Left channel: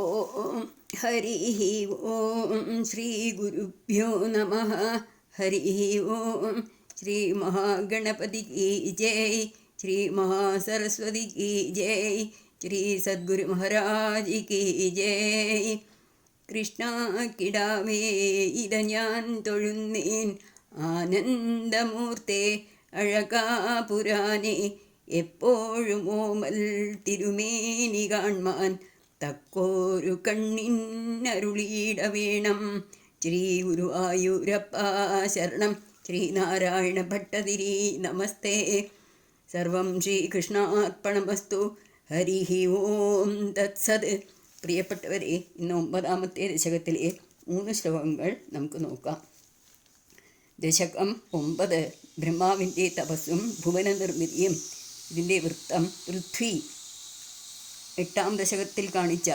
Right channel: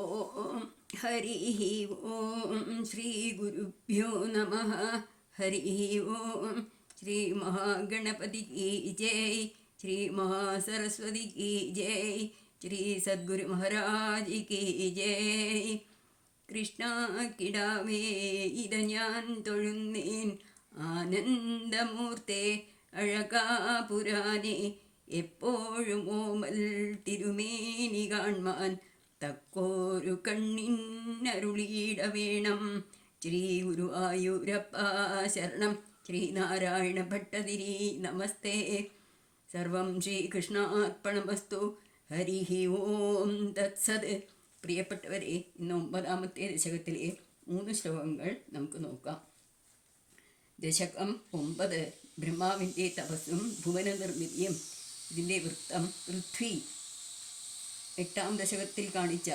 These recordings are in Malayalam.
ഓം ഹരി ഓം ശ്രീ ഗുരുഭ്യോ നമ. ഹരി ഓം. ശ്രീ മഹാഗണപതി കി ജയ്. ശ്രീ മഹാസരസ്വതി കി ജയ്. ശ്രീ സദ്ഗുരു മഹാരാജ് കി ജയ്. കൃഷ്ണ കിടാവേ ഇത ഞാൻ തൊഴുന്നേൻ ആനന്ദമൂർത്തേ അഴകാപുരാനെ. എപ്പോഴും ഓമൽ തിരുമേനി കാൺമാൻ തക്കോരു കണ്ണിനരുളീട വേണം. ശ്രീ ഗുരുവായൂരപ്പ ശരണം. ശ്രീനാരായണ ഭട്ടതിരി നമസ്തേ. സർവം ശ്രീകൃഷ്ണാർപ്പണമസ്തു. ഹരി ഓം തത്സത്. പ്രിയപ്പെട്ടവരെ, ഇന്ന് 9ാമത്തെ ദശകത്തിലെ 3 ശ്ലോകങ്ങൾ നമുക്ക് നോക്കാം. ദശകം 9 ബ്രഹ്മാവിൻ്റെ തപസ്സും ഭുവന നിർമ്മിതിയും. ഇതിൻ്റെ വൃത്തം പൃഥ്വി 8ാം ദശകത്തിൽ കാണിച്ച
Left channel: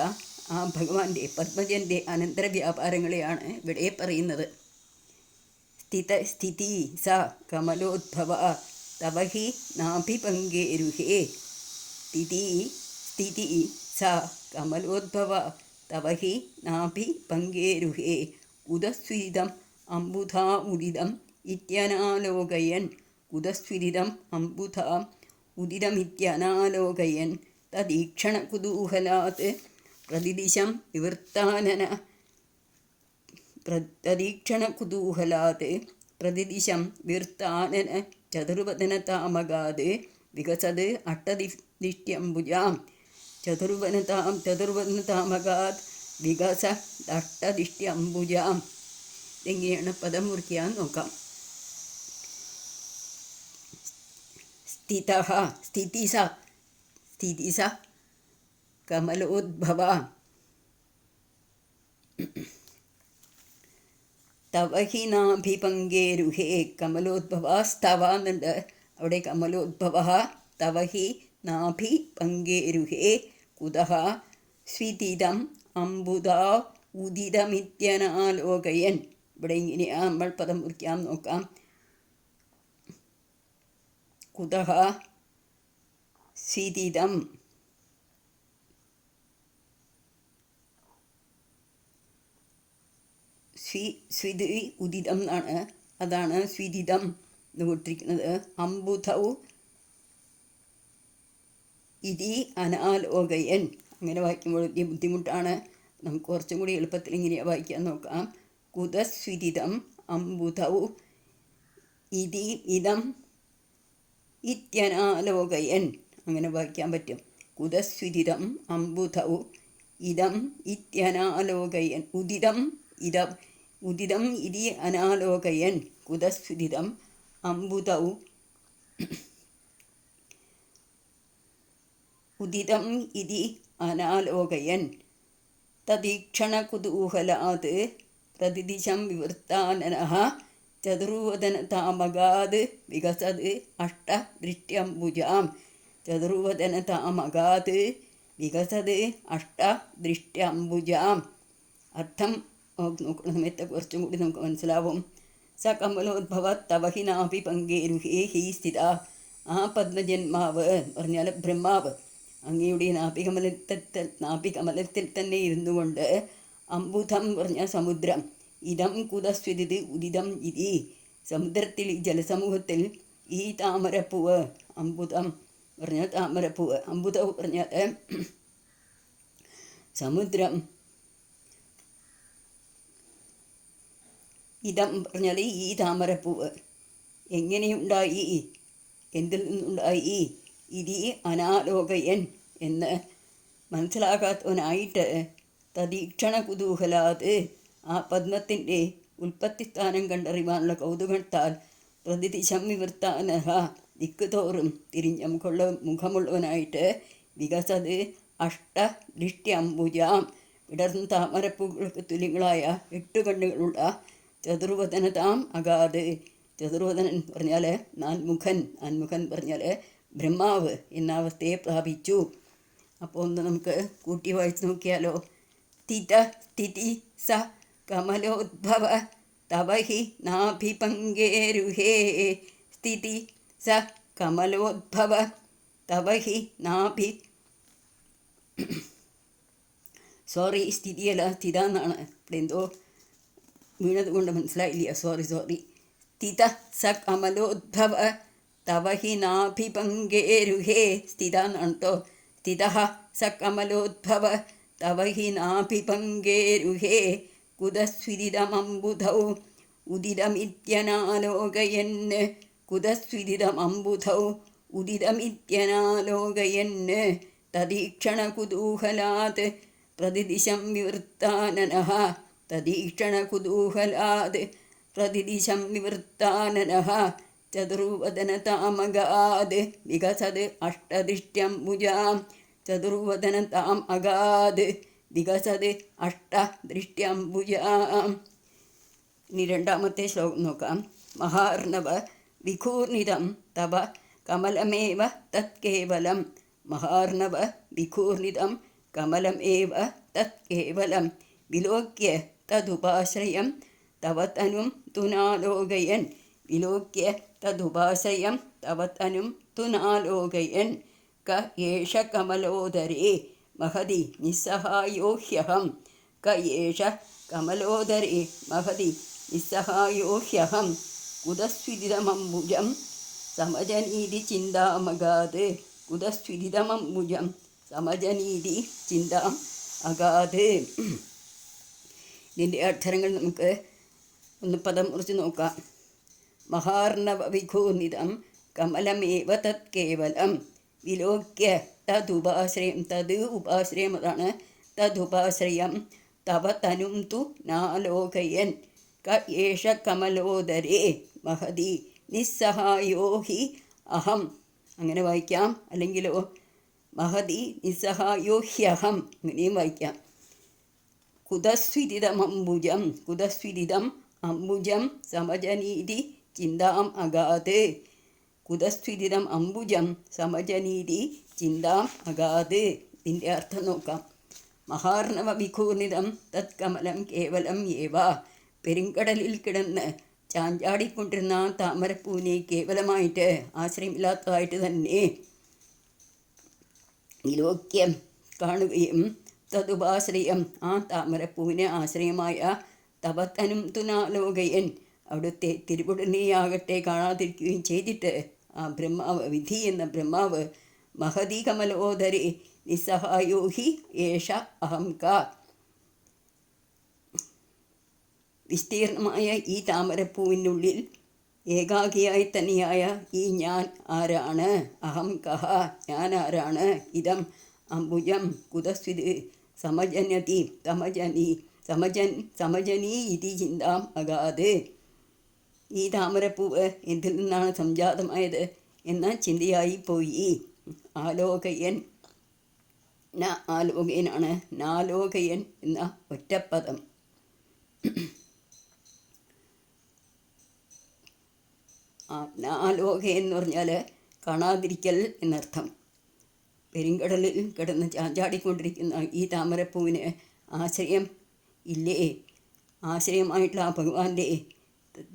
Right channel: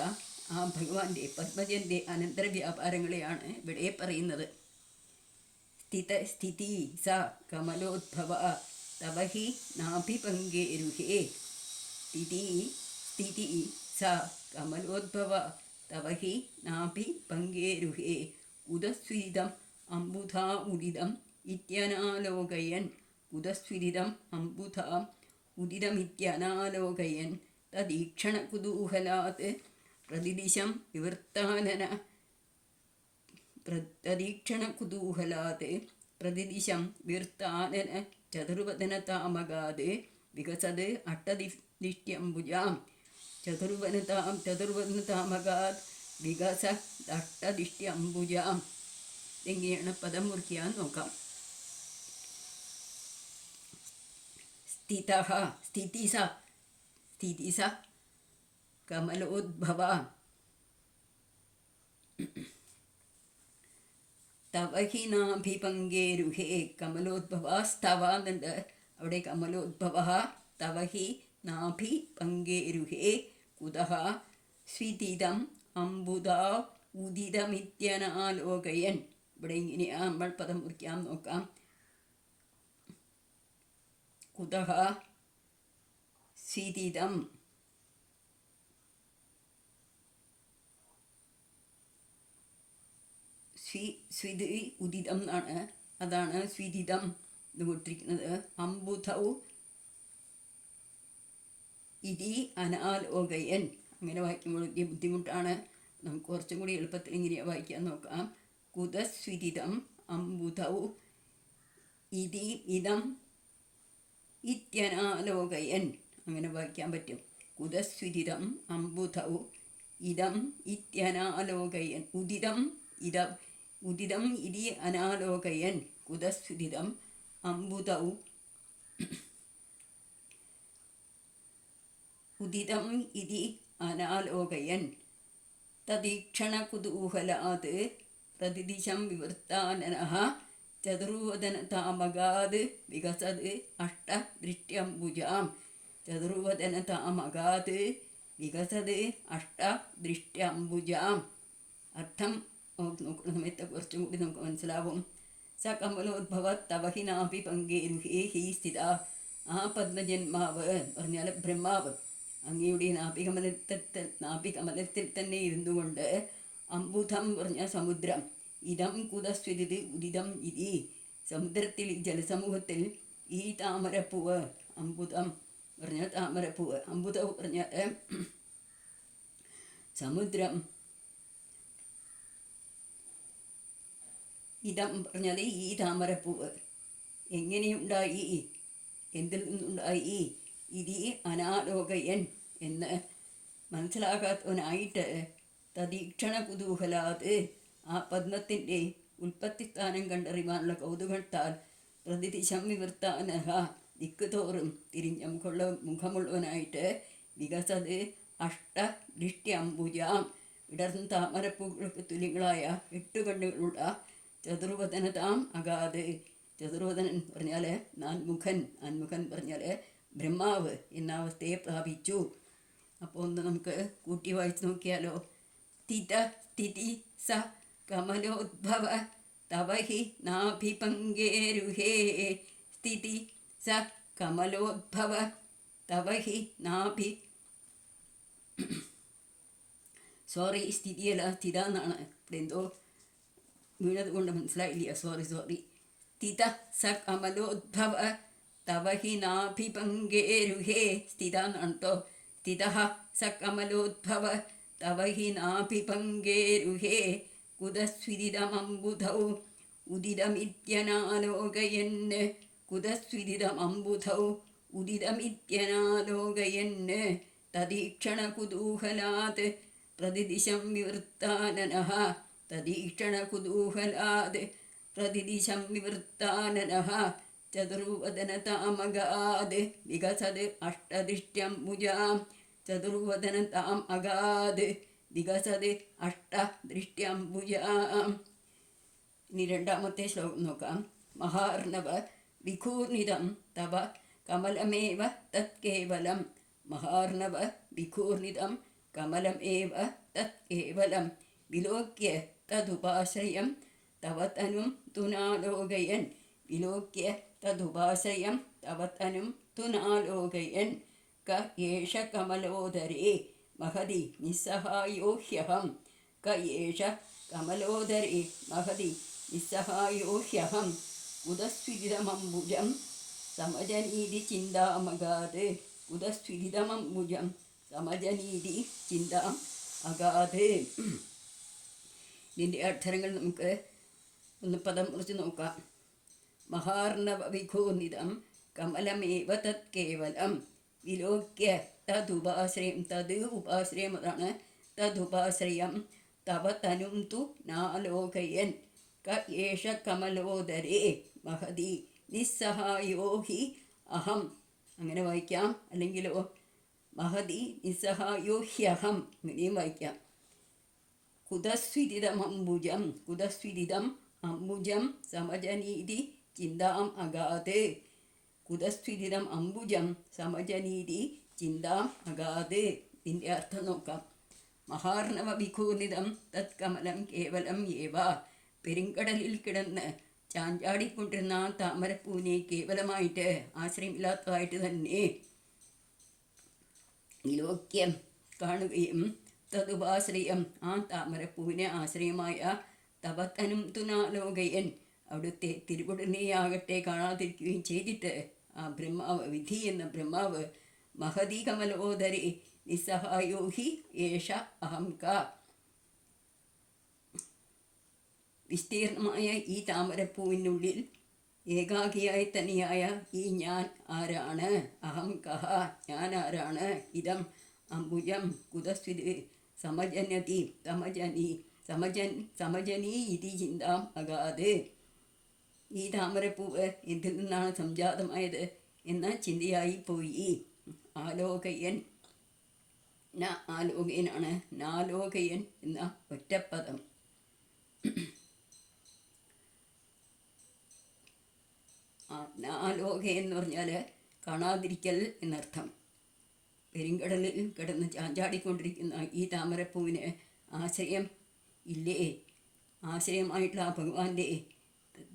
ആ ഭഗവാന്റെ പത്മജൻ്റെ അനന്തര വ്യാപാരങ്ങളെയാണ് ഇവിടെ പറയുന്നത്. സ്ഥിതി സ കമലോദ്ഭവ തവ ഹി നാഭിപങ്കേരുഹേ. സ്ഥിതി സ കമലോദ്ഭവ തവ ഹി നാഭിപങ്കേരുഹേ. കുതസ്വിരിതം അംബുധാ ഉദിതം ഇത്യനാലോകയൻ. കുതസ്വിരിതം അംബുധാ ഉദിതമിത്യനാലോകയൻ തദീക്ഷണകുതൂഹലാത് പ്രതിദിശം വിവർത്താനന. പ്രതിദിശം വിവർത്താനന ചതുർവദനതാമകാത് വികസത് അഷ്ടദിഷ്ട്യംബുജാം. ചതുർവദനതാമകാത് വികസ അഷ്ടദിഷ്ട്യംബുജാം. എങ്ങനെയാണ് പദം മുറിക്കാൻ നോക്കാം. സ്ഥിതി സ കമലോദ്ഭവ തവ ഹി നാഭിപങ്കേരുഹേ. കമലോദ്ഭവ സ്തവ എന്നുണ്ട്, അവിടെ കമലോദ്ഭവ തവ ഹി നാഭിപങ്കേരുഹേ. കുതഃ സ്വിദിതം അംബുധാ ഉദിതമിത്യനാലോകയൻ. ഇവിടെ ഇങ്ങനെയാണ് നമ്മൾ പദം മുറിക്കാൻ നോക്കാം. കുതഃ സ്വിദിതം സ്വിദ് ഉദിതം എന്നാണ്, അതാണ് സ്വിദിതം എന്ന് കൊടുത്തിരിക്കുന്നത്. അംബുധൗ ഇതി അനാലോകയൻ. അങ്ങനെ വായിക്കുമ്പോൾ വലിയ ബുദ്ധിമുട്ടാണ്. നമുക്ക് കുറച്ചും കൂടി എളുപ്പത്തിൽ ഇങ്ങനെയാണ് വായിക്കാൻ നോക്കാം. കുതസ്വിദിതം അംബുധൗ ഇതി ഇതം ഇത്യനാലോകയൻ. അങ്ങനെ വായിക്കാൻ പറ്റും. കുതസ്വിദിതം അംബുധൗ ഇതം ഇത്യനാലോകയൻ. ഉദിതം ഇതി അനാലോകയൻ. കുതസ്വിദിതം അംബുധൗ ഉദിതം ഇതി അനാലോകയൻ തദീക്ഷണകുതൂഹലാത് പ്രതിദിശം വിവർത്താനനഃ ചതുർവദനതാമകാത് വികസത് അഷ്ടദൃഷ്ട്യംബുജാം. ചതുർവദനതാമകാത് വികസത് അഷ്ടദൃഷ്ട്യംബുജാം. അർത്ഥം നോക്കുന്ന സമയത്ത് കുറച്ചും കൂടി നമുക്ക് മനസ്സിലാവും. സ കമലോദ്ഭവ തവ ഹി നാഭിപങ്കേരുഹേ ഹി സ്ഥിത. ആ പത്മജന്മാവ് എന്ന് പറഞ്ഞാൽ ബ്രഹ്മാവ് അങ്ങയുടെ നാഭികമലത്തിൽ തന്നെ ഇരുന്നു കൊണ്ട്, അംബുധം പറഞ്ഞ സമുദ്രം, ഇതം കുതസ്വിദിത് ഉദിതം ഇതി സമുദ്രത്തിൽ, ഈ ജലസമൂഹത്തിൽ ഈ താമരപ്പൂവ്, അംബുധം പറഞ്ഞ താമരപ്പൂവ്, അംബുധം പറഞ്ഞാൽ സമുദ്രം, ഇതം പറഞ്ഞാൽ ഈ താമരപ്പൂവ് എങ്ങനെയുണ്ടായി, എന്തിൽ നിന്നുണ്ടായി, ഇതി അനാലോകയൻ എന്ന് മനസ്സിലാകാത്തവനായിട്ട് തദീക്ഷണ കുതൂഹലാത് ആ പദ്മത്തിൻ്റെ ഉൽപ്പത്തിസ്ഥാനം കണ്ടറിവാനുള്ള കൗതുകത്താൽ പ്രതിദിശം വിവർത്താനഹ ദിക്കുതോറും തിരിഞ്ഞ മുഖമുള്ളവനായിട്ട് വികസത് അഷ്ടദൃഷ്ട്യംബുജാം വിടർന്ന താമരപ്പൂക്കൾക്ക് തുല്യങ്ങളായ 8 കണ്ണുകളുള്ള ചതുർവദനതാം അഗാത്. ചതുർവദനൻ പറഞ്ഞാൽ നാൻമുഖൻ പറഞ്ഞാൽ ബ്രഹ്മാവ് എന്ന അവസ്ഥയെ പ്രാപിച്ചു. അപ്പോൾ ഒന്ന് നമുക്ക് കൂട്ടി വായിച്ച് നോക്കിയാലോ. സ്ഥിതി സ കമലോദ്ഭവ തവ ഹി നാഭിപങ്കേരുഹേ. സ്ഥിതി സ കമലോദ്ഭവ തവ ഹി സോറി, സ്ഥിതിയല്ല, സ്ഥിത എന്നാണ്. ഇവിടെ എന്തോ വീണത് കൊണ്ട് മനസ്സിലായില്ല. സോറി. സ്ഥിത സ കമലോദ്ഭവ തവ ഹി നാഭിപങ്കേരുഹേ. സ്ഥിത എന്നാണ് കേട്ടോ. സ്ഥിത സ കമലോദ്ഭവ തവ ഹി നാഭിപങ്കേരുഹേ കുതസ്വിദിതമംബുധൗ ഉദിതമിത്യനാലോകയൻ. കുതസ്വിദിതമംബുധൗ ഉദിതമിത്യനാലോകയൻ തദീക്ഷണകുതൂഹലാത് പ്രതിദിശം വിവൃത്താനനഃ. തദീക്ഷണകുതൂഹലാത് പ്രതിദിശം വിവൃത്താനനഃ ചതുർവദനതാമഗാത് വികസത് അഷ്ടദൃഷ്ട്യംബുജാം. ചതുർവദനതാം അഗാത് വികസത് അഷ്ടദൃഷ്ട്യംബുജാം. ഇനി രണ്ടാമത്തെ ശ്ലോകം നോക്കാം. മഹാർണവ വിഘൂർണിതം തവ കമലമേവ തത്കേവലം. മഹാർണവ വിഘൂർണിതം കമലമേവ തത്കേവലം വിലോക്യ തദുപാശ്രയം തവ തനും തുനാലോകയൻ. വിലോക്യ തദുപാശ്രയം തവ തനും തുനാലോകയൻ ക ഏഷ കമലോദരേ മഹതി നിസ്സഹായോ ഹ്യഹം. ക ഏഷ കമലോദരേ മഹതി നിസ്സഹായോ ഹ്യഹം കുതസ്വിദിതമംബുജം സമജനീതി ചിന്താമഗാത്. കുതസ്വിദിതമംബുജം സമജനീതി ചിന്താം അഗാത്. ഇതിൻ്റെ അക്ഷരങ്ങൾ നമുക്ക് ഒന്ന് പദം കുറിച്ച് നോക്കാം. മഹാർണവ വിഘൂർണിതം കമലമേവ തത്കേവലം വിലോക്യ തദുപാശ്രയം. തത് ഉപാശ്രയം, അതാണ് തദുപാശ്രയം. തവ തനും തു നാലോകയൻ ക ഏഷ കമലോദരേ മഹതി നിസ്സഹായോ ഹി അഹം. അങ്ങനെ വായിക്കാം. അല്ലെങ്കിലോ മഹതി നിസ്സഹായോ ഹ്യഹം ഇങ്ങനെയും വായിക്കാം. കുതസ്വിദിതമംബുജം. കുതസ്വിദിതം അംബുജം സമജനീതി ചിന്താം അഗാത്. കുതസ്വിദിതം അംബുജം സമജനീതി ചിന്താം അഗാത്. ഇതിൻ്റെ അർത്ഥം നോക്കാം. മഹാർണവ വിഘൂർണിതം തത്കമലം കേവലം ഏവ. പെരുങ്കടലിൽ കിടന്ന് ചാഞ്ചാടിക്കൊണ്ടിരുന്ന താമരപ്പൂവിനെ കേവലമായിട്ട് ആശ്രയമില്ലാത്തതായിട്ട് തന്നെ വിലോക്യം കാണുകയും തദുപാശ്രയം ആ താമരപ്പൂവിനെ ആശ്രയമായ തപത്തനും തുനാലോകയൻ അവിടുത്തെ തിരുവുടനെയാകട്ടെ കാണാതിരിക്കുകയും ചെയ്തിട്ട് ആ ബ്രഹ്മാവ്, വിധി എന്ന ബ്രഹ്മാവ് മഹതി കമലോദരേ നിസ്സഹായോ ഹി ഏഷ അഹം ക. വിസ്തീർണമായ ഈ താമരപ്പൂവിനുള്ളിൽ ഏകാഗിയായി തന്നെയായ ഈ ഞാൻ ആരാണ്? അഹം കഹ, ഞാൻ ആരാണ്? ഇതം അംബുജം കുതസ്വിത് സമജനതി സമജനീ ഇതി ചിന്താം അഗാത്. ഈ താമരപ്പൂവ് എന്തിൽ നിന്നാണ് സംജാതമായത് എന്ന ചിന്തയായി പോയി. ആലോകയൻ ആലോകയനാണ്. നാലോകയൻ എന്ന ഒറ്റപ്പദം. നാലോകയൻ എന്ന് പറഞ്ഞാൽ കാണാതിരിക്കൽ എന്നർത്ഥം. പെരുങ്കടലിൽ കിടന്ന് ചാഞ്ചാടിക്കൊണ്ടിരിക്കുന്ന ഈ താമരപ്പൂവിന് ആശ്രയം ഇല്ലേ? ആശ്രയമായിട്ടുള്ള ആ ഭഗവാന്റെ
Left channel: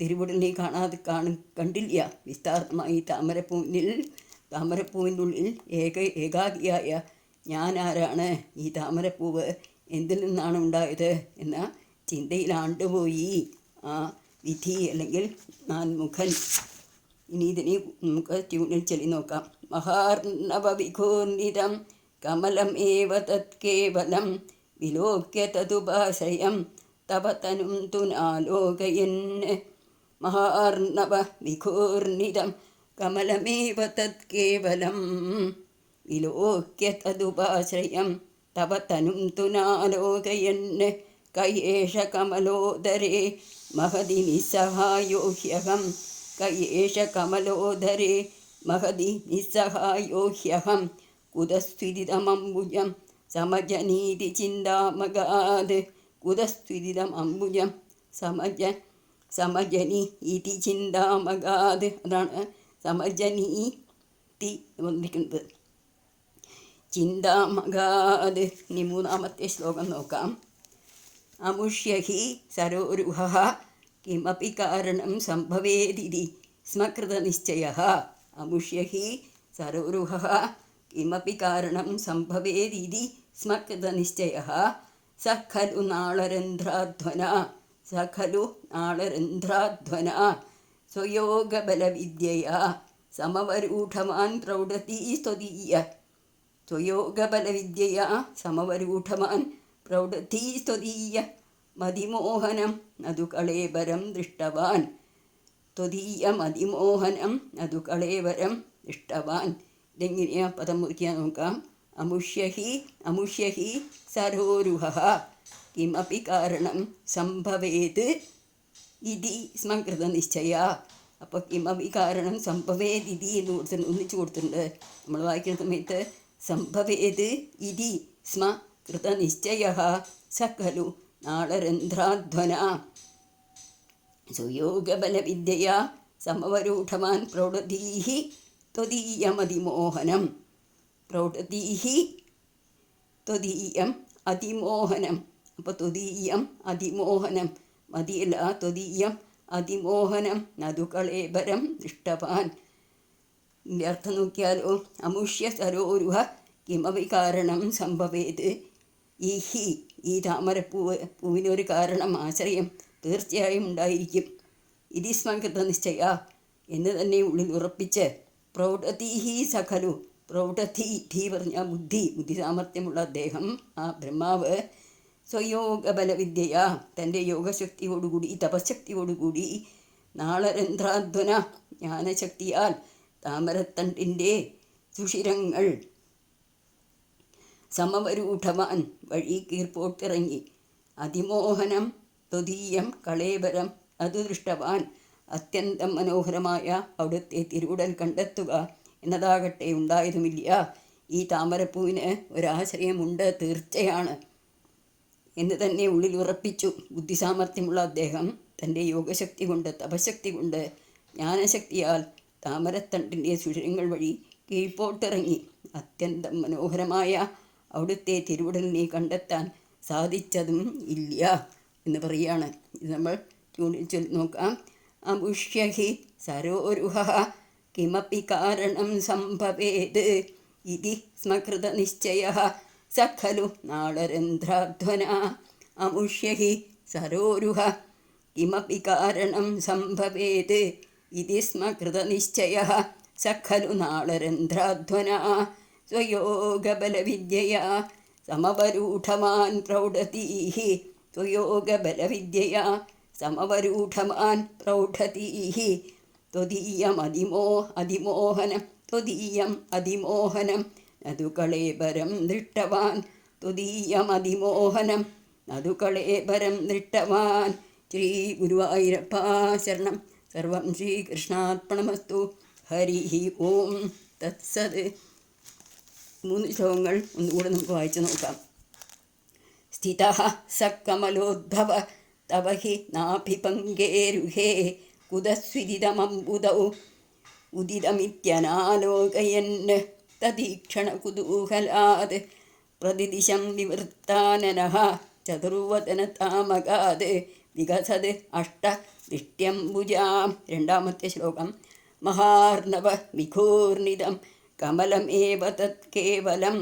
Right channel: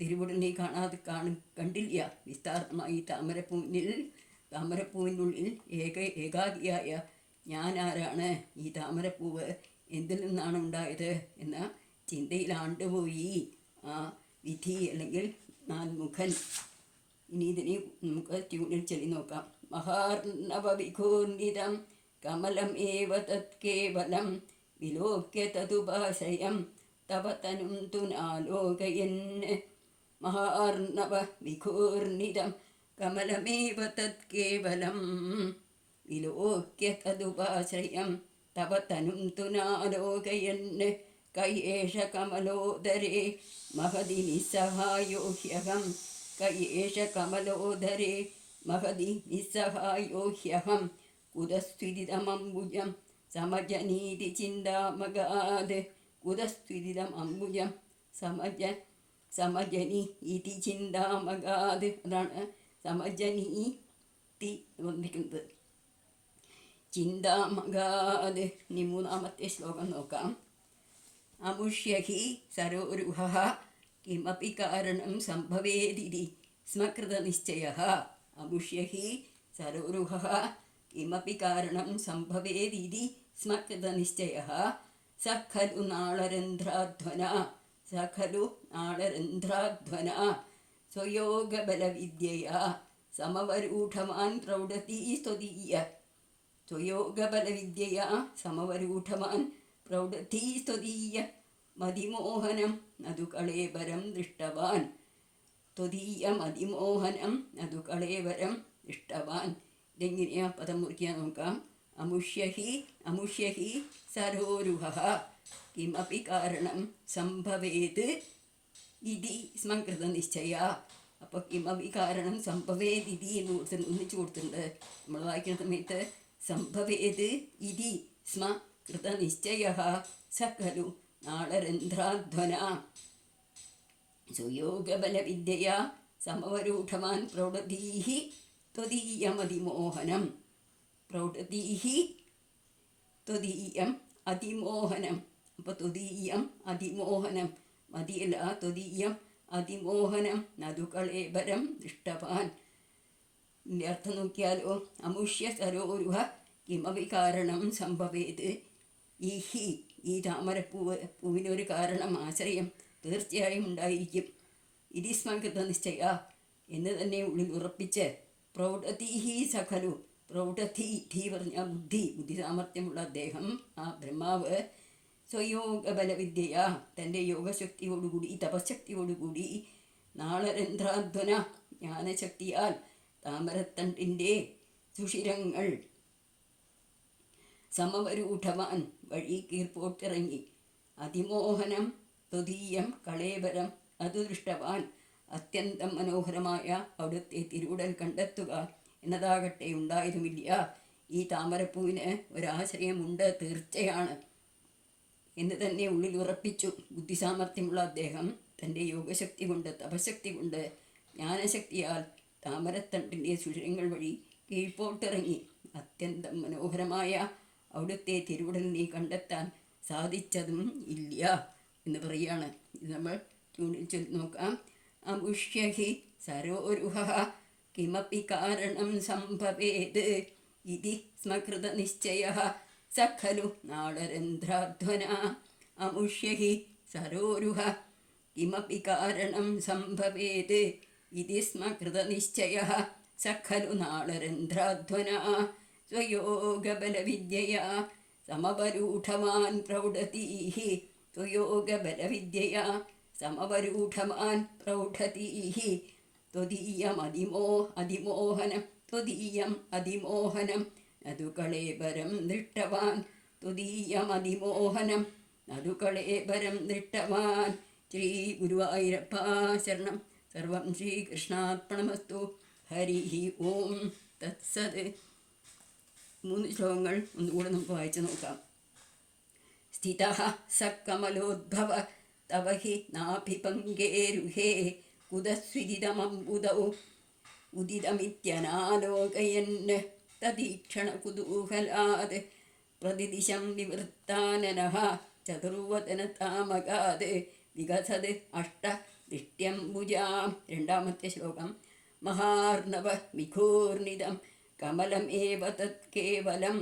തിരുവുടനെ കണ്ടില്ല. വിസ്താരമായി താമരപ്പൂവിനുള്ളിൽ ഏകാഗിയായ ഞാൻ ആരാണ്? ഈ താമരപ്പൂവ് എന്തിൽ നിന്നാണ് ഉണ്ടായത് എന്ന ചിന്തയിൽ ആണ്ടുപോയി ആ വിധി അല്ലെങ്കിൽ നാൻമുഖൻ. ഇനി ഇതിനെ നമുക്ക് ട്യൂണിൽ ചൊല്ലി നോക്കാം. മഹാർണവ വിഘൂർണിതം കമലം ഏവ തത്കേവലം വിലോക്യ തദുപാശ്രയം തവ തനും തുനാലോകയൻ. മഹാർണവ വിഘൂർണിതം കമലമേവ തത്കേവലം വിലോക്യ തദുപാശ്രയം തവ തനും തുനാലോകയൻ കയേഷ കമലോദരേ മഹതി നിസ്സഹായോ ഹ്യഹം. കയേഷ കമലോദരേ മഹതി നിസ്സഹായോ ഹ്യഹം കുതസ്വിദിതമംബുജം സമജനീതി ചിന്താമഗാത്. കുതസ്വിദിതം അംബുജം സമജനി ഇതി ചിന്താമഗാത്. അതാണ് സമജനീതി വന്നിരിക്കുന്നത്, ചിന്താമഗാത്. ഇനി മൂന്നാമത്തെ ശ്ലോകം നോക്കാം. അമുഷ്യഹി സരോരുഹഃ കിമപി കാരണം സംഭവേദിതി സ്മകൃതനിശ്ചയഃ. അമുഷ്യഹി സരോരുഹഃ കിമപി കാരണം സംഭവേദിതി സ്മകൃതനിശ്ചയഃ സഖലു നാളരന്ധ്രാധ്വന സഖലു നാളരന്ധ്രാധ്വന സ്വയോഗബലവിദ്യയാ സമവരൂഢമാൻ പ്രൗഢതീ സ്തുതീയ സ്വയോഗബലവിദ്യയാ സമവരൂഢമാൻ പ്രൗഢതീ സ്തുതീയ മതിമോഹനം നതു കളേബരം ദൃഷ്ടവാൻ ത്വദീയ മതിമോഹനം നതു കളേബരം ദൃഷ്ടവാൻ. ഇതെങ്ങനെയാ പദം മുറിക്കാൻ നോക്കാം. അമുഷ്യഹി സരോരുഹഃ കിമപി കാരണം സംഭവേത് ഇതി സ്മകൃതനിശ്ചയ. അപ്പോൾ കിമപി കാരണം സംഭവേത് ഇതി എന്ന് ഒന്നിച്ചു കൊടുത്തിട്ടുണ്ട്. നമ്മൾ വായിക്കുന്ന സമയത്ത് സംഭവേത് ഇതി സ്മ കൃതനിശ്ചയഃ സഖലു നാളരന്ധ്രാധ്വന സ്വയോഗബലവിദ്യയാ സമവരൂഢമാൻ പ്രൗഢതീഹി ത്വദീയമതിമോഹനം പ്രൗഢതീഹി ത്വദീയം അതിമോഹനം. അപ്പോൾ ത്വദീയം അതിമോഹനം മതിയല്ല, ത്വദീയം അതിമോഹനം നതു കളേബരം ദൃഷ്ടവാൻ. ഇതിൻ്റെ അർത്ഥം നോക്കിയാലോ. അമുഷ്യ സരോരുഹ കിമപി കാരണം സംഭവേത്. ഈ താമരപ്പൂവിനൊരു കാരണം, ആശ്രയം തീർച്ചയായും ഉണ്ടായിരിക്കും. ഇതി സ്മകൃത നിശ്ചയ എന്ന് തന്നെ ഉള്ളിൽ ഉറപ്പിച്ച് പ്രൗഢതീഹി സഖലു പ്രൗഢധി ധീ പറഞ്ഞ ബുദ്ധി സാമർഥ്യമുള്ള അദ്ദേഹം, ആ ബ്രഹ്മാവ്, സ്വയോഗബലവിദ്യയ തൻ്റെ യോഗശക്തിയോടുകൂടി തപശക്തിയോടുകൂടി നാളരന്ധ്രാധ്വന ജ്ഞാനശക്തിയാൽ താമരത്തണ്ടിൻ്റെ സുഷിരങ്ങൾ സമവരൂഢവാൻ വഴി കീർപ്പോട്ടിറങ്ങി അതിമോഹനം ത്വദീയം കളേബരം അതു ദൃഷ്ടവാൻ അത്യന്തം മനോഹരമായ അവിടുത്തെ തിരുവുടൽ കണ്ടെത്തുക എന്നതാകട്ടെ ഉണ്ടായതുമില്ല. ഈ താമരപ്പൂവിന് ഒരാശ്രയമുണ്ട്, തീർച്ചയാണ് എന്ന് തന്നെ ഉള്ളിൽ ഉറപ്പിച്ചു. ബുദ്ധിസാമർഥ്യമുള്ള അദ്ദേഹം തൻ്റെ യോഗശക്തി കൊണ്ട് തപശക്തി കൊണ്ട് ജ്ഞാനശക്തിയാൽ താമരത്തണ്ടിൻ്റെ സുഷിരങ്ങൾ വഴി കീഴ്പോട്ടിറങ്ങി അത്യന്തം മനോഹരമായ അവിടുത്തെ തിരുവുടലിനെ കണ്ടെത്താൻ സാധിച്ചതും ഇല്ല എന്ന് പറയുകയാണ്. ഇത് നമ്മൾ ചൊല്ലി നോക്കാം. അമുഷ്യഹി സരോരുഹഃ കിമപി കാരണം സംഭവേത് ഇതി സ്മകൃതനിശ്ചയഃ സഖലു നാളരന്ധ്രാധ്വന. അമുഷ്യഹി സരോരുഹ കിമപി കാരണം സംഭവേത് ഇതി സ്മകൃതനിശ്ചയഃ സഖലു നാളരന്ധ്രാധ്വന സ്വയോഗബലവിദ്യയാ സമവരൂഢമാൻ പ്രൗഢതീഹി സ്വയോഗബലവിദ്യയാ സമവരൂഢമാൻ പ്രൗഢതീഹി ത്വദീയം അതിമോഹനം നതു കളേബരം ദൃഷ്ടവാൻ ത്വദീയം അതിമോഹനം നതു കളേബരം ദൃഷ്ടവാൻ. ശ്രീ ഗുരുവായൂരപ്പ ശരണം. സർവം ശ്രീകൃഷ്ണാർപ്പണമസ്തു. ഹരി ഓം തത്സത്. 3 ശ്ലോകങ്ങൾ ഒന്നുകൂടെ നമുക്ക് വായിച്ചു നോക്കാം. സ്ഥിതഃ സകമലോദ്ഭവ തവ ഹി നാഭിപങ്കേരുഹേ കുതസ്വിദിതമംബുദൗ ഉദിതമിത്യനാലോകയൻ തദീക്ഷണ കുതൂഹലാത് പ്രതിദിശം വിവൃത്താനനഃ ചതുർവദനതാമകാത് വികസത് അഷ്ടദിഷ്ട്യംബുജാം. 2ാമത്തെ ശ്ലോകം. മഹാർണവ വിഘൂർണിതം കമലമേവ തത് കേവലം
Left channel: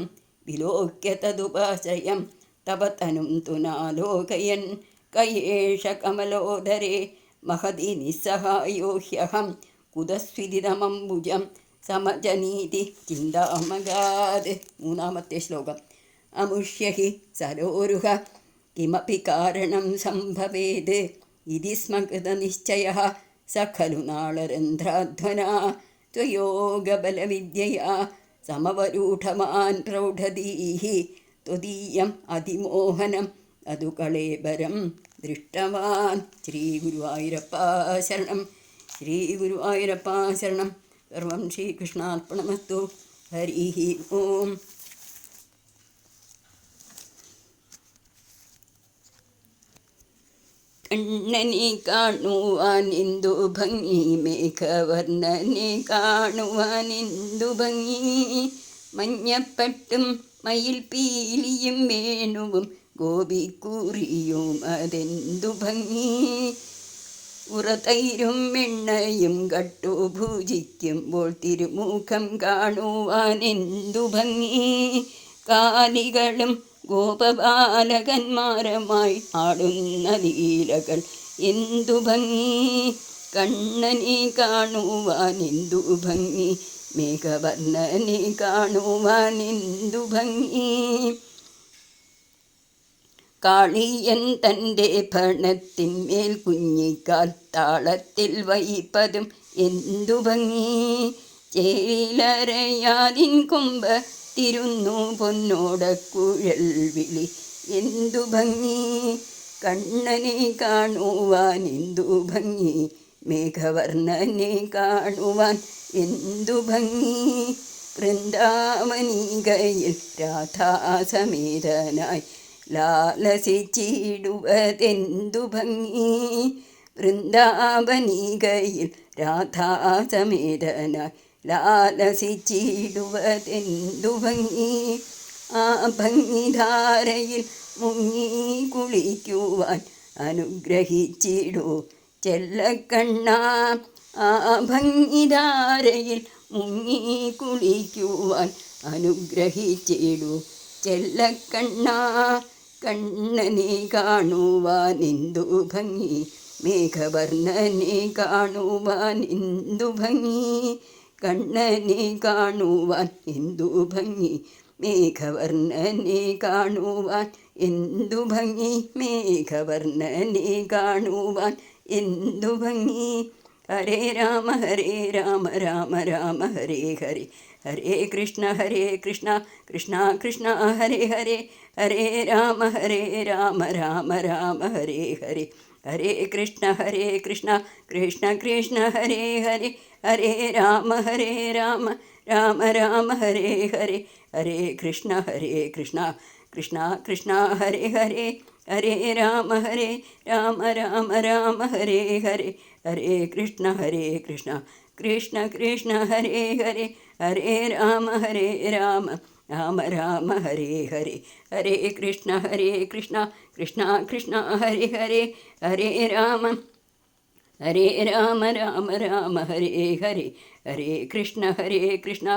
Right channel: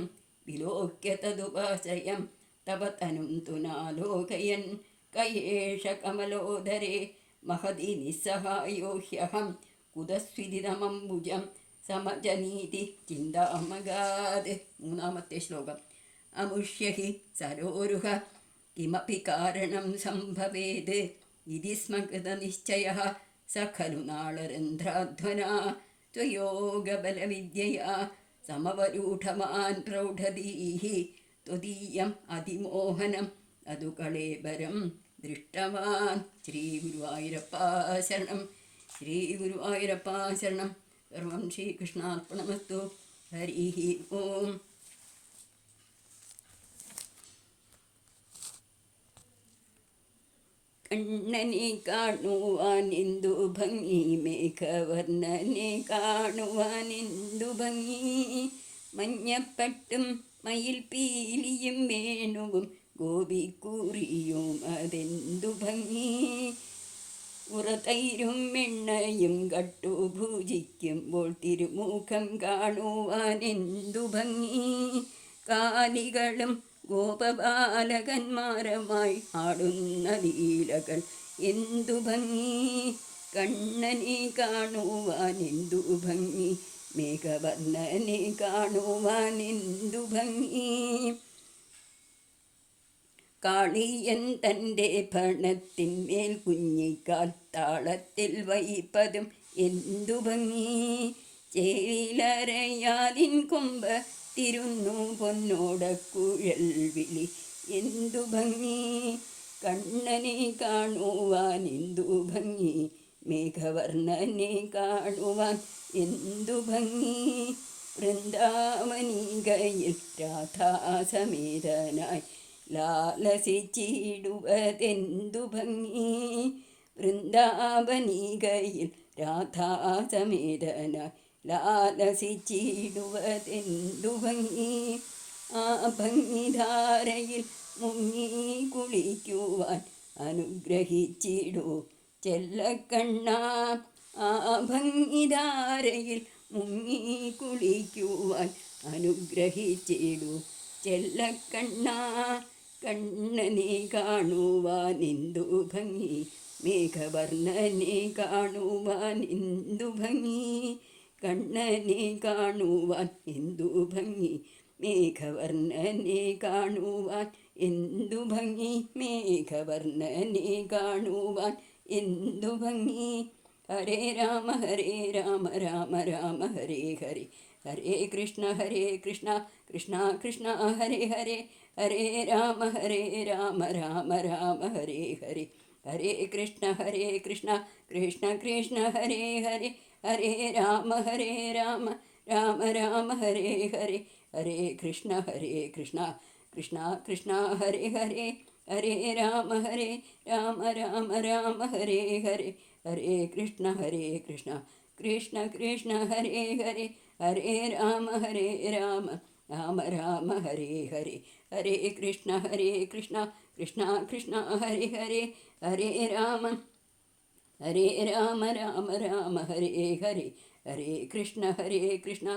വിലോക്യ തദുപാശ്രയം തവ തനും തു നാലോകയൻ കയേഷ കമലോദരേ മഹതി നിസ്സഹായോ ഹ്യഹം കുതസ്വിദിതമംബുജം സമജനീതി ചിന്താമഗാത്. 3ാമത്തെ ശ്ലോകം. അമുഷ്യഹി സരോരുഹ കിമപി കാരണം സംഭവേത് ഇതി സ്മകൃതനിശ്ചയഃ സഖലു നാളരന്ധ്രാധ്വന ത്വയോഗബലവിദ്യയാ സമവരൂഢമാൻ പ്രൗഢതീഹി ത്വദീയം അതിമോഹനം അതു കളേബരം ദൃഷ്ടവാൻ. ശ്രീ ഗുരുവായൂരപ്പ ശരണം. ശ്രീ ഗുരുവായൂരപ്പ ശരണം. സർവം ശ്രീകൃഷ്ണാർപ്പണമസ്തു. ഹരി ഓം. കണ്ണനെ കാണുവാൻ എന്തു ഭംഗി, മേഘവർണ്ണനെ കാണുവാൻ എന്തു ഭംഗി, മഞ്ഞപ്പട്ടും മയിൽ പീലിയും വേണുവും ഗോപിക്കൂറിയും അതെന്തു ഭംഗി, ഉറതൈരും എണ്ണയും കട്ടു ഭുജിക്കുമ്പോൾ തിരുമുഖം കാണുവാൻ എന്തു ഭംഗി, കാലികളും ഗോപബാലകന്മാരുമായി ആടുന്ന ലീലകൾ എന്തു ഭംഗി, കണ്ണനെ കാണുവാൻ എന്തു ഭംഗി, മേഘവർണ്ണനെ കാണുവാൻ എന്തു ഭംഗി. കാളിയൻ തൻ്റെ ഭണത്തിന്മേൽ കുഞ്ഞിക്കാൽ താളത്തിൽ വഹിപ്പതും എന്തു ഭംഗി, ചേലരയാലിൻ കൊമ്പ് തിരുന്നു പൊന്നോടക്കുഴൽ വിളി എന്തു ഭംഗി, കണ്ണനെ കാണുവാൻ എന്തു ഭംഗി, മേഘവർണ്ണനെ കാണുവാൻ എന്തു ഭംഗി. വൃന്ദാവനികയിൽ രാധാസമേതനായി ലാലസിച്ചിടുവതെന്തു ഭംഗി, വൃന്ദാവനികയിൽ രാധാസമേതനായി ലാലസിച്ചിടുവതെന്തു ഭംഗി. ആ ഭംഗിധാരയിൽ മുങ്ങി കുളിക്കുവാൻ അനുഗ്രഹിച്ചിടൂ ചെല്ലക്കണ്ണ, ആ ഭംഗിധാരയിൽ മുങ്ങി കുളിക്കുവാൻ അനുഗ്രഹിച്ചിടൂ ചെല്ലക്കണ്ണ. കണ്ണനെ കാണുവാൻ എന്തു ഭംഗി, മേഘവർണ്ണനെ കാണുവാൻ എന്തു ഭംഗി, കണ്ണനെ കാണുവാൻ എന്തു ഭംഗി, മേഘവർണ്ണനെ കാണുവാൻ എന്തു ഭംഗി, മേഘവർണ്ണനെ കാണുവാൻ എന്തു ഭംഗി. ഹരേ രാമ രാമ രാമ ഹരേ ഹരേ, ഹരേ കൃഷ്ണ കൃഷ്ണ കൃഷ്ണ ഹരേ ഹരേ, ഹരേ രാമ രാമ രാമ ഹരേ ഹരേ, ഹരേ കൃഷ്ണ കൃഷ്ണ കൃഷ്ണ ഹരേ ഹരേ, ഹരേ രാമ രാമ ഹരേ ഹരേ, ഹരേ കൃഷ്ണ കൃഷ്ണ കൃഷ്ണ ഹരേ ഹരേ, ഹരേ രാമ രാമ ഹരേ ഹരേ, ഹരേ കൃഷ്ണ കൃഷ്ണ ഹരേ ഹരേ, ഹരേ രാമ രാമ ഹരേ ഹരേ, ഹരേ കൃഷ്ണ കൃഷ്ണ കൃഷ്ണ ഹരേ ഹരേ, ഹരേ രാമ രാമ ഹരേ ഹരേ, ഹരേ കൃഷ്ണ കൃഷ്ണ